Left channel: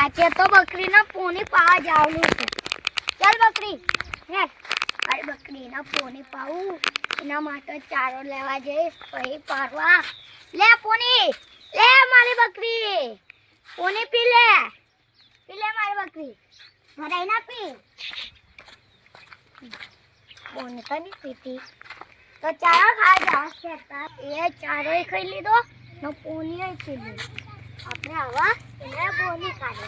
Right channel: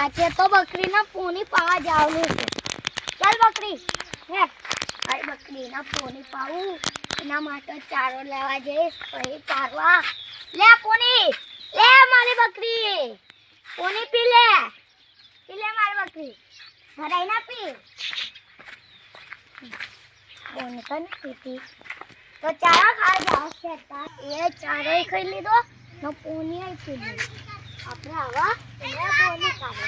આજે તો બકરીના પોની પાવા જવાનું છે. ચાલ બકરી હે અરે બકરીના પોની પાવું એના માટે ચારો લેવા જઈશ પછી પારવા. લે પોની લે મારી બકરી પોની પી લે મારી બકરી ભરાઈ ના પી પોની તો નહીં પીતી તો ચારો ખા જા ખેતા એ ચારો ખાઈ લીધો ને પોની પી લીધો. આપણે આવા એને પોની કાઢે.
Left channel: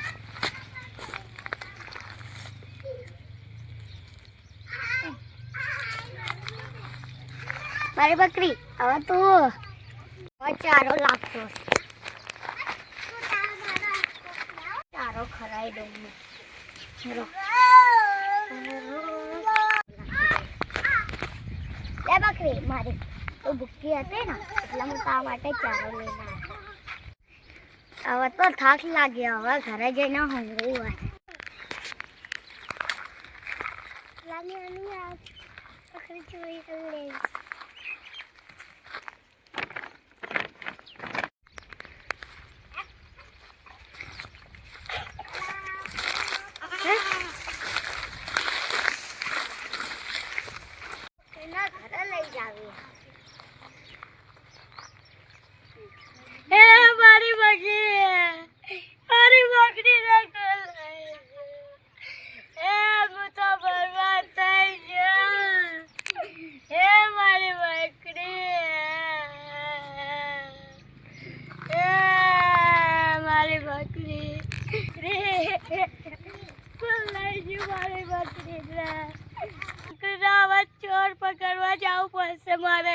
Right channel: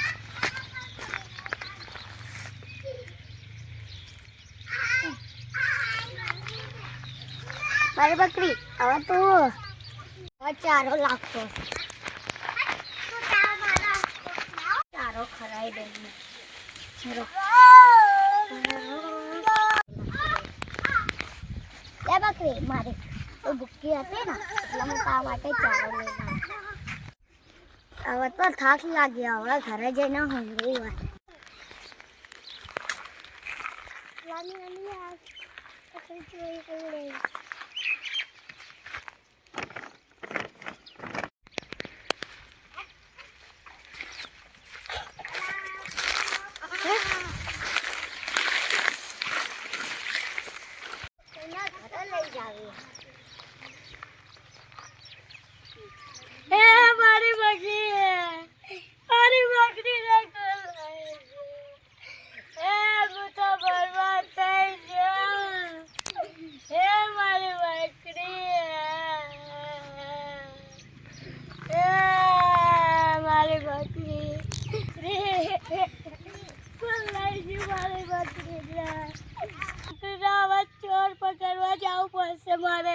મારી બકરી હવે તું ચારો લાગતો ચારો ખરાઈ દઉં. લે બકરી મારી તો ભૂખી હતી ને એટલે હું તારા માટે ચારો લઈને હવે તો થાક લાગ્યો. હવે ઘરે જઈને ઊંઘવું હોય. ઘરે લઈ જાવી. મારી બકરી હું તો બરબાદ થઈ ગયો. મારી બકરી મારી બકરી લઈ ગયું. મારી બકરી હવે ચોર પકડવા જવું પડશે મારે.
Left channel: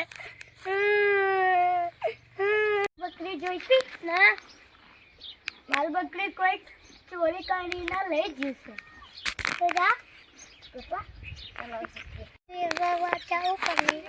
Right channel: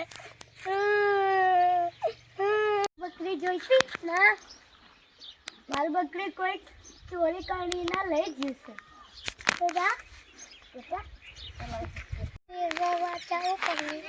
બકરી જોઈતી ના મારી બકરી કોઈ ચોરી કરીને લઈ જશે તો જા ચાલો વાચાવું કરી.